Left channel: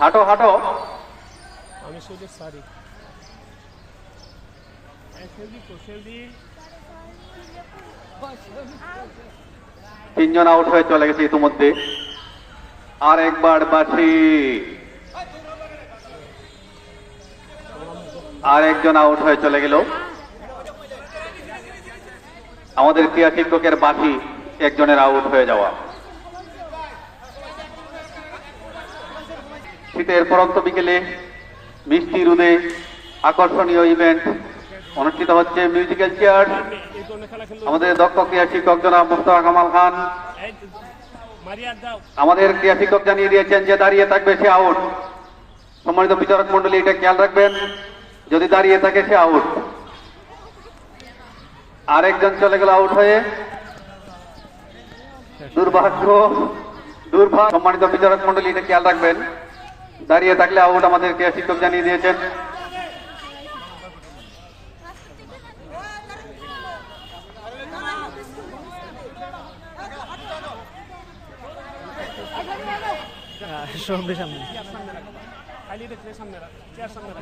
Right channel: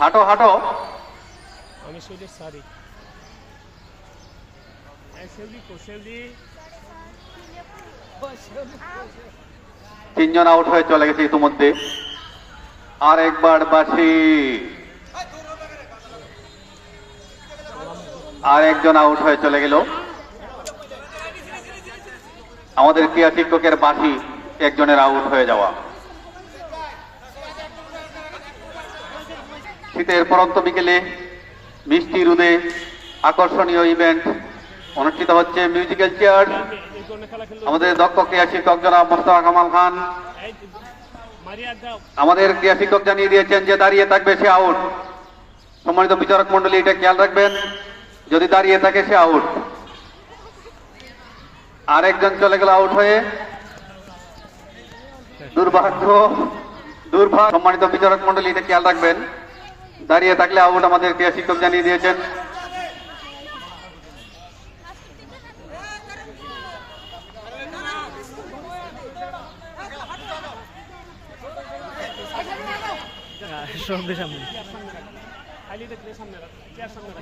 হাঁটো হাঁটো। আমি সুযোগ সারি তিনজন আউট হয়ে চলে গেছে ইতিমধ্যে। আর একবার বাঁশি, আর একজন আউট হয়ে চলে গেল। আমাদের ক্রীড়া শিক্ষকের বাঁশি একজনের আউট হয়ে যাওয়া। শীতের পরন্ত বিকেলে মিষ্টি রোদে আকর্ষণীয় ইভেন্ট অনুষ্ঠিত হচ্ছে। মিউজিক্যাল চেয়ার, আমাদের দক্ষ ক্রীড়া শিক্ষক জনাব মোস্তফা কামাল খান। আমাদের ক্রীড়া শিক্ষক জানিয়ে দিয়েছেন যে দাঁড়িয়ে থাকবে সে আউট। সম্মানিত বিচারক মন্ডলী এটা খেয়াল রাখবেন, যদি দাঁড়িয়ে থাকে সে আউট। আরেকজন চলে গেল আউট হয়ে, দুর্ভাগ্য দুর্ভাগ্য। সম্মানিত বিচারক মন্ডলী এটা খেয়াল রাখবেন, দাঁড়িয়ে থাকলে আউট আমাদের ক্রীড়া শিক্ষক জানিয়ে দিয়েছেন।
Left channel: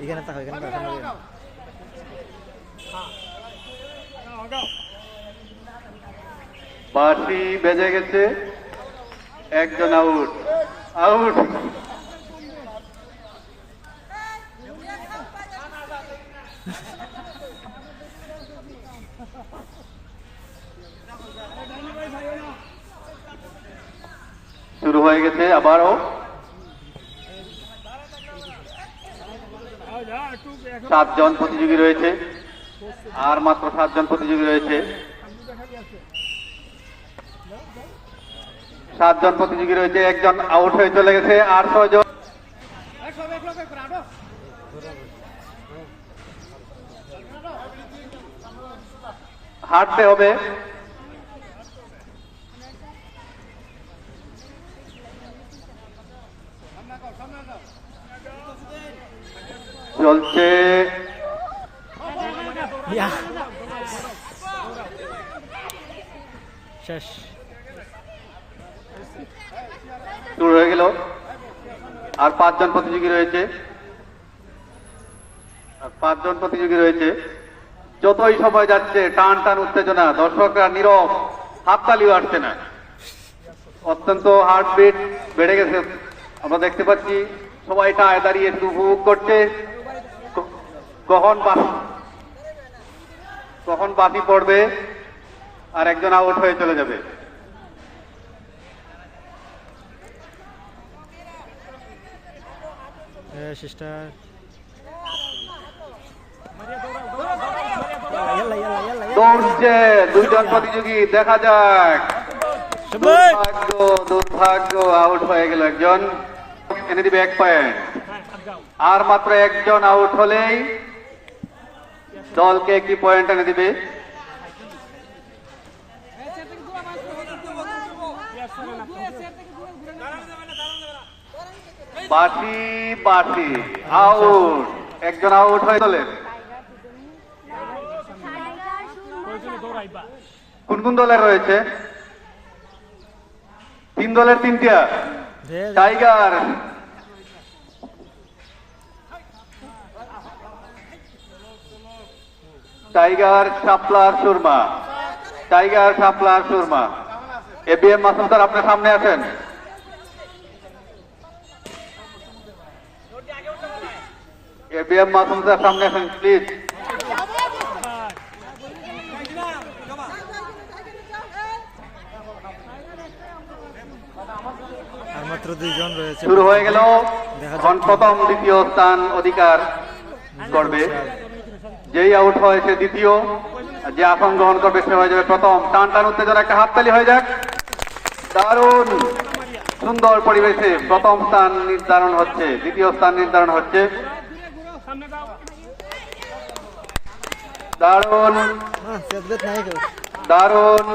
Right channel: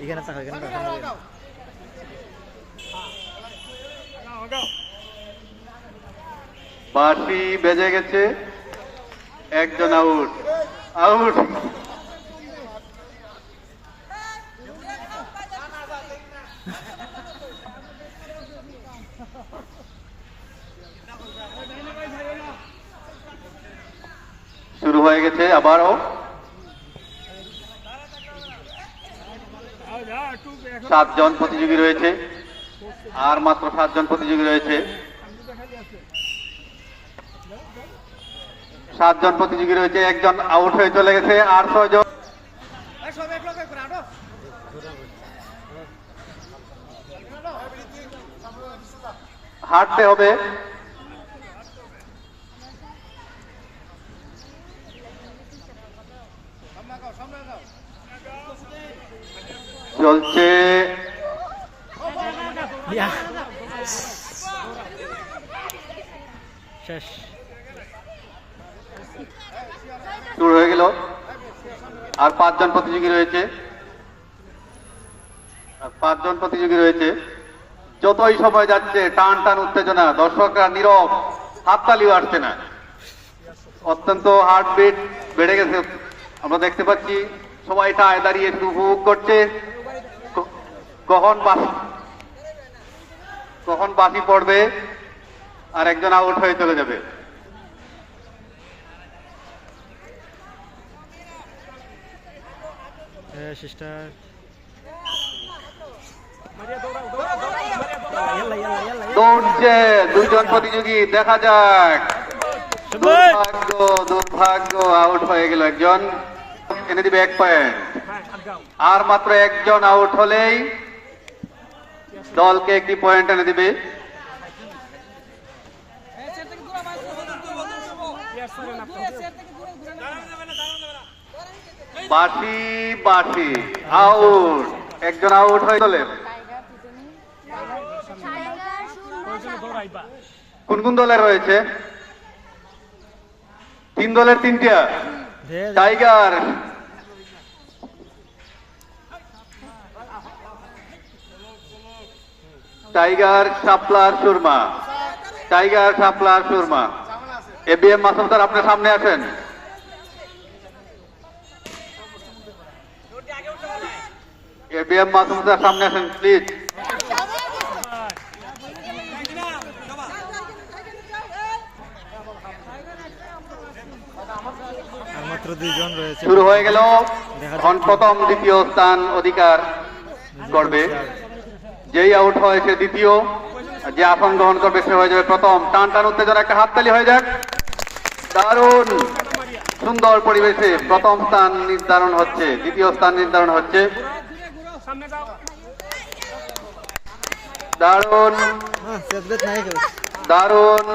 এখানে থাকো, এখানে সামনে বাঁশি বেজে গেছে, একজন আউট। আউট শুরু হয়ে গেছে আবারও। 7 জন প্রতিযোগী রয়েছে, আর মাত্র 7 জন প্রতিযোগী রয়েছে। 7 জন প্রতিযোগী রয়েছে, একজন আউট হয়ে চলে গেছে। আর 6 জন হাঁটতে হবে। চলছে শুরু হয়ে গেল। আর 5 জন প্রতিযোগী রয়েছে, 5 জন প্রতিযোগী রয়েছে। যতই সময় যাচ্ছে টান টান উত্তেজনা, দর্শকরা নীরব, হাততালিও আসছে না। অত্যন্ত হার্টবিট বেড়ে গেছে, আমরা দেখতে পাচ্ছি। সবাই টায় দাঁড়িয়ে শুধু উপভোগ করছে কখন বাঁশি পড়বে আর একজন আউট হয়ে চলে যাবে। সিস্টার দৌড়ছে 2 জন প্রতিযোগী, দেখা যাক। দুর্ভাগ্য দুর্ভাগ্য, আউট হয়ে গেল একজন। এনে দিবে 1 পয়েন্ট। আর মাত্র একজন আউট হলেই দলকে 1টি পয়েন্ট এনে দিবে। বাঁশি বাঁশি, আউট। একজন আউট হয়ে চলে। কোন কোন দলের রয়েছে? 3 দলের 3টা। টাইগার, টাইগার শাপলার সুরমা, টাইগার শাপলার সুরমা। এবিএম মাসুম স্যার আপনার সামনে আসেন। এবিএম মাসুম স্যার সামনে আসেন প্লিজ। আর মাত্র 2 জন রয়েছে। শুরু হয়ে গেল। প্রথম দ্বিতীয় স্থান অধিকার করবে। যেই আউট হয় সে দ্বিতীয়, যে আসন গ্রহণ করবে সে হয়ে যাবে প্রথম। টান টান উত্তেজনা, একটা হাততালি হয়ে যাক। দারুণ সুন্দর পরিবেশে প্রথম স্থান নির্ধারণ হচ্ছে, দ্বিতীয় স্থান নির্ধারণ হচ্ছে। দারুণ দারুণ।